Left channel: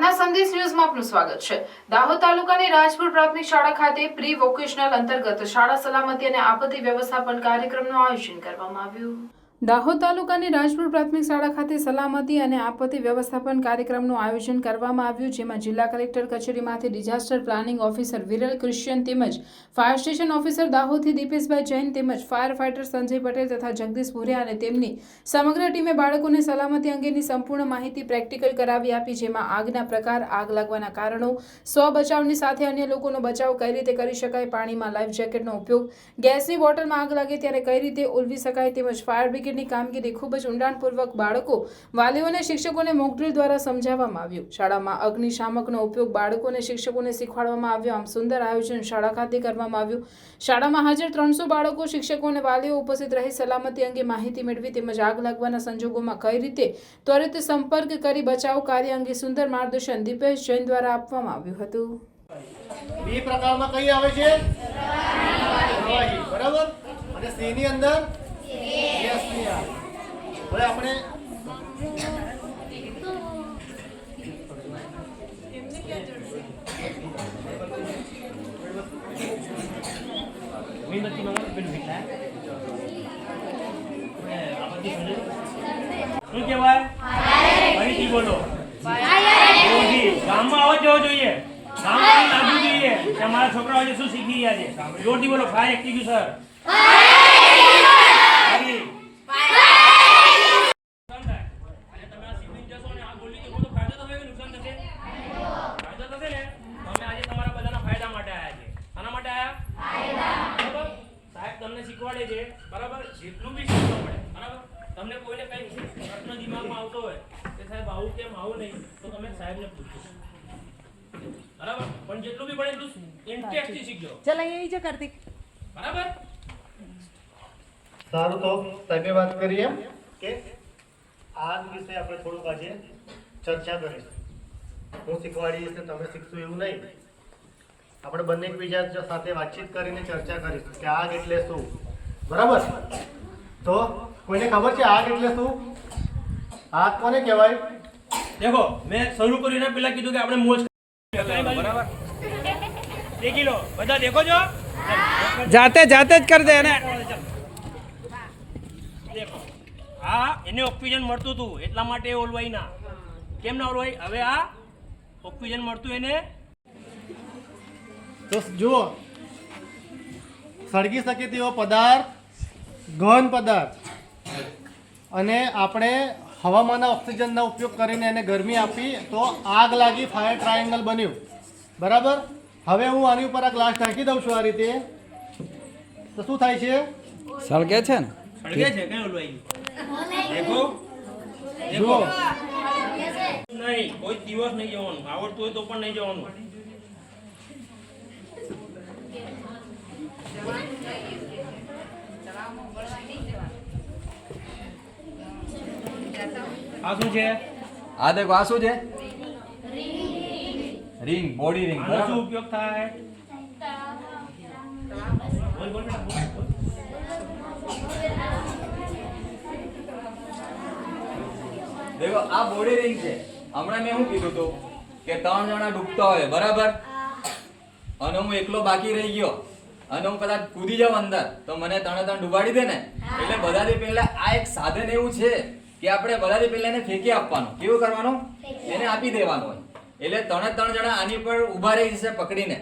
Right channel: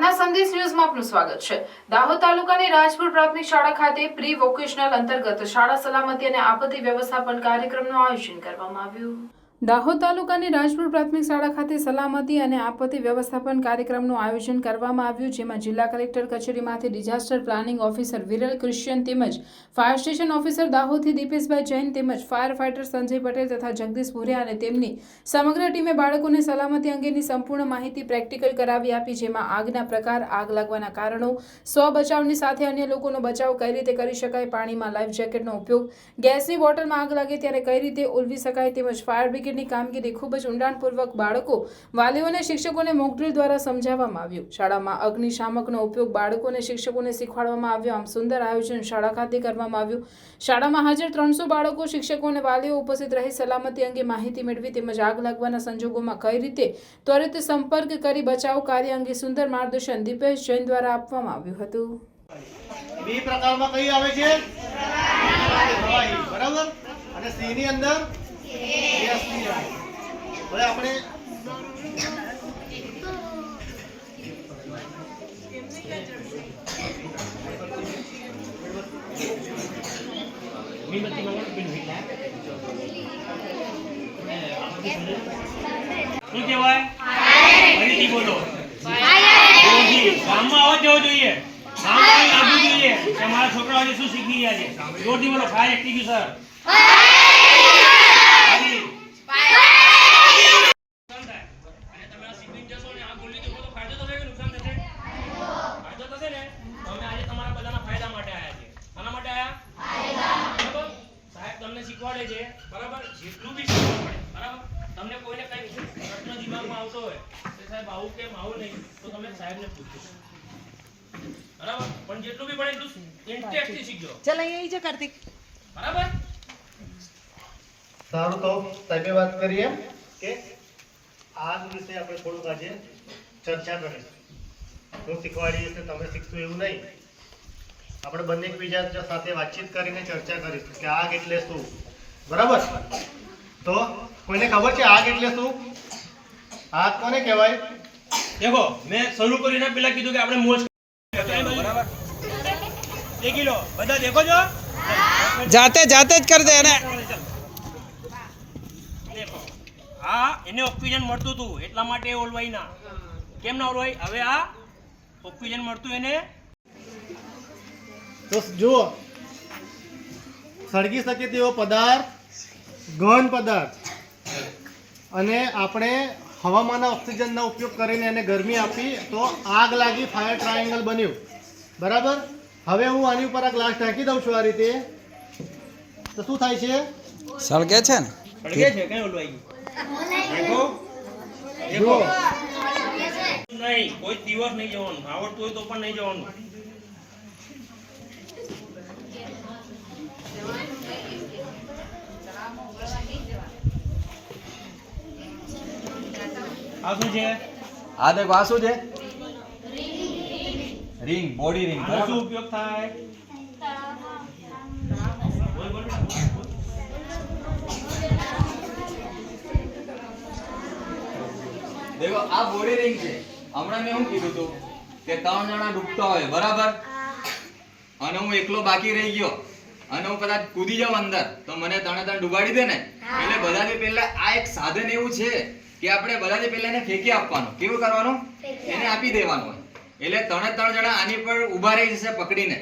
આજના સંદેશ ન્યૂઝમાં આપનું સ્વાગત છે। દાહોદ તાલુકાની રાજપુર પ્રાથમિક શાળા ખાતે પ્રી વોકેશનલ અંતર્ગત શાળા સલામતી અને આપત્તિ વ્યવસ્થાપન કાર્યક્રમનું આયોજન કરવામાં આવ્યું। દાહોદ તાલુકાની રાજપુર પ્રાથમિક શાળા ખાતે સલામતી અને આપત્તિ વ્યવસ્થાપન કાર્યક્રમનું આયોજન કરવામાં આવ્યું, જેમાં જિલ્લા કલેક્ટર કચેરીમાંથી disaster planning officer Viral Christian તેમજ ફાયર સ્ટેશન ઓફિસર દાહોદથી દીપેશભાઈ જૈન તેમજ ફાયર ફાઇટર સંજય પટેલ તથા જગદીશ ભુરિયા અને તેમની સમગ્ર ટીમે બાળકોને સલામતી અંગેની સંપૂર્ણ માહિતી પ્રેક્ટિકલ કરાવી આપી, જેમાં આગના પ્રકાર, આગ લાગવાના કારણો, સ્વ બચાવની સાથે અન્ય લોકોનો બચાવ કઈ રીતે કરી શકાય, પાણીમાં લાઈફ જેકેટનો ઉપયોગ, ગેસની બોટલમાં આગ લાગે ત્યારે કઈ રીતે ઓલવી શકાય તેમજ ફાયર બ્રિગેડની કામગીરી ખૂબ જ ઊંડાણપૂર્વક બાળકો, વાલીઓને, શિક્ષકોને મોકડ્રીલ દ્વારા સમજાવવામાં આવ્યું। શાળામાં અગ્નિશામકનો ઉપયોગ બાળકોને, શિક્ષકોને શીખવાડવામાં આવ્યો। આમ સુંદર આયોજન શાળા ખાતે કરવામાં આવ્યું। શાળામાં હાજર 300 બાળકો, શિક્ષકો અને વાલીઓ ઉપસ્થિત રહી સલામતી અંગે માહિતી મેળવી તેમજ આગ લાગવાના સંજોગોમાં કઈ રીતે ત્વરિત સંપર્ક કરી બચાવ કાર્ય અંગે સુંદર માર્ગદર્શન દીપેશ જૈન દ્વારા આપવામાં આવ્યું હતું। બી પ્રકારમાં કઈ આવે છે? બરાબર, અને સી ની અંદર ગેસ ની આવે। હવે આપણે મીણબત્તી મંગાવો, પેલું હિટલા શું કહેવાય? ફરીથી બોલો। ગામમાં આવો જવો જોઈએ, ગામમાં લાગવું જોઈએ કે અમારા છોકરાઓ આજે શું શીખી ગયા છે। જોરથી બોલો, ફાયર એક્ટિંગ્યુશર। શીખવાડે છે બરાબર, જેટલું બી શીખવા પડે બરાબર। તમને કોઈને કઈ પ્રશ્ન દિમાગમાં આવતો હોય કે સાહેબ આવું કેમ આવું નહીં, તો તમે સાહેબને પૂછજો બરાબર, પણ જેટલું બી પડે એટલું ઇન્ટરેસ્ટથી શીખજો। ચલ અહીં આવી જા કાર્તિક, બરાબર। સારું, તો સાહેબે વાત કરીએ કે આગ વિશે આપણે થોડુંક આજે ચર્ચા કરીશું। હું શીખવાડીશ કે તમે શીખશો એવું નહીં, આપણે બંને એકબીજા સાથે વાતચીત કરીને ચર્ચા કરીશું કે આગ એટલે શું, બરાબર। તો કોઈને ખબર છે આગ એટલે શું? આગ કોને કહેવાય? देखो मैं शुरू કરીને પહેલા કીધું કે આપણે મોજ બરાબર દેખી લો, બધા દેખો છો, જાતે જાતે જ કર દે ને। દેખો આ એને ઓક્સિજન મળતું હતું એટલા માટે ઓલવાઈ ના, કેમ ના ઓલવાઈ? હવે આ ઓક્સિજન મળતું એને તો જુઓ, સળગી શકે તેવો પદાર્થ, ઘન પદાર્થ, અને આપણે હવામાંના ઓક્સિજનનો ઉપયોગ કરીને એને ગરમી આપી તો આગ લાગી, ફાયર ટ્રાયેંગલ બન્યું, બરાબર। હવે હું આની ઉપર આ ગ્લાસ ઢાંકી દઉં છું આ રીતે, તો શું થાય છે? સળગે છે ને, સળગે છે, કઈ ઓલવાઈ ગયું? દેખો જુઓ, નહીં, કોઈ દિવસ નહીં જવાનું, આવડતું હોય તો પણ નહીં જવાનું। આ શું છે? આ દેખો, આ શું છે? Ring, body ring. આનો શું ઉપયોગ થાય? દેખો, આ બોડી રિંગ છે। હમણાં મેં શું કીધું હતું કે 3 જણા ડૂબતા હોય, બરાબર, અને હું એકલો બાકી રહી ગયો અને હું કદાચ કૂદી જાઉં અંદર, તો મને 3 ડૂબાડી દે ને। એટલે બધાથી પહેલા આ એક સાધન એવું છે કે આપણે બધાથી પહેલા એને ફેંકી આપવાનું। કેવું કરવાનું? એને આપી દેવાનું હોય, એટલે 3 જણા આની પર ઊભા રહી જશે પકડીને।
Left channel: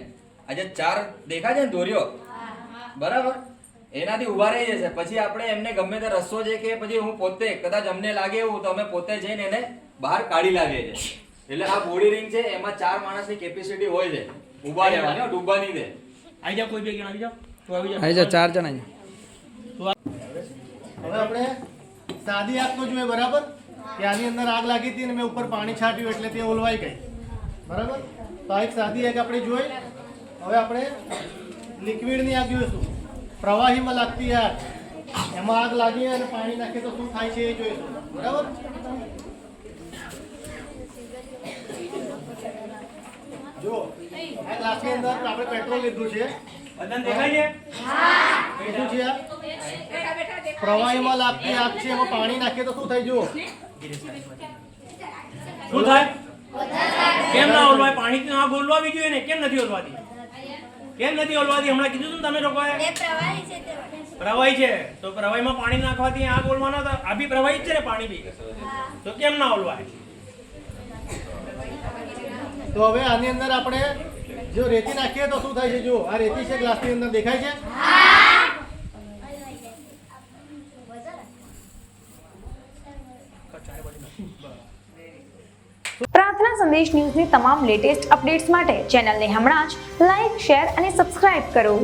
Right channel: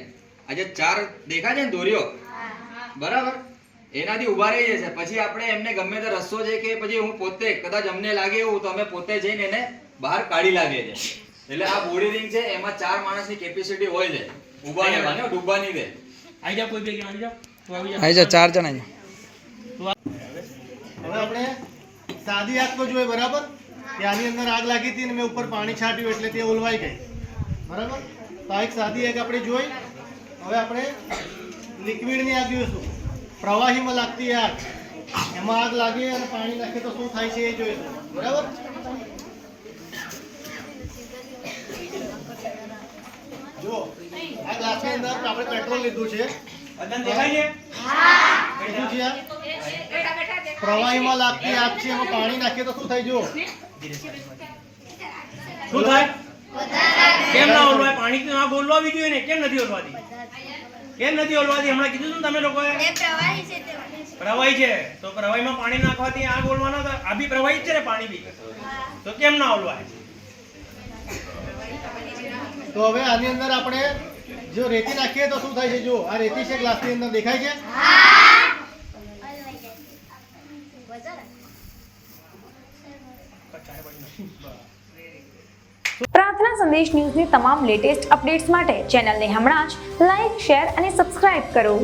આજે 4 દેખા છે ને દોરીઓ, બરાબર, એનાથી ઊભા રહી જશે। પછી આપણે એમને ગમે તે રસ્તો છે કે પછી હું પોતે કદાચ અમને લાગે એવું તો અમે પોતે જઈને એને બહાર કાઢી લાવીએ છીએ। એટલે આ બોડી રિંગ છે, એમાં 4 માણસની કેપેસિટી હોય છે, ઊભા રહેવાની, ડૂબવા નહીં દે। આવી જાવ, કોઈ બે આવી જાવ, તો આવી જાવ, આવી જા 4 જણા। હવે આપણે સાદી આગ તો જોઈએ, બરાબર, કે આની અંદર આગ લાગી હતી અને મેં ઉપર પાણી છાંટ્યું એટલે તે ઓલવાઈ ગઈ, બરાબર। તો આ એક સાદી આગ આપણે જોઈ। હવે આપણે લિક્વિડની આગ જોઈશું, પ્રવાહીમાં લાગતી આગ, એમાં આગ લાગી અને પાણી નાખીએ તો શું થાય છે એ જોઈશું, બરાબર। જુઓ, આ ગ્લાસની અંદર આપણે પેટ્રોલ લીધું છે, બધાને દેખાય છે? લીધું છે, પ્રવાહીમાં લાગતી આગ છે, એમાં પાણી નાખીએ તો શું થાય? જુઓ, શું થાય? કેમ ના ઓલવાય? પાણીથી આગ ઓલવાવી જોઈએ ને, કેમ નથી ઓલવાતી? કેમ નથી ઓલવાતી? હમણાં કીધું તું ને તમે લોકોએ પ્રવાહી છે, તો પ્રવાહીમાં પાણી નાખવાથી આગ ઓલવાનો તો આ બી પ્રવાહી જ છે ને, પાણી બી, તો કેમ ના ઓલવાય? તો હવે આની અંદર આપણે જો રેતી નાખીએ તો શું થાય છે? જો આ રેતી છે ગ્લાસની અંદર, દેખાય છે? પ્રાર્થના સંદેશ ન્યૂઝની તમામ લેટેસ્ટ અપડેટ્સ માટે ચેનલને હમણાં જ લાઇક, શેર અને સબસ્ક્રાઇબ કરો.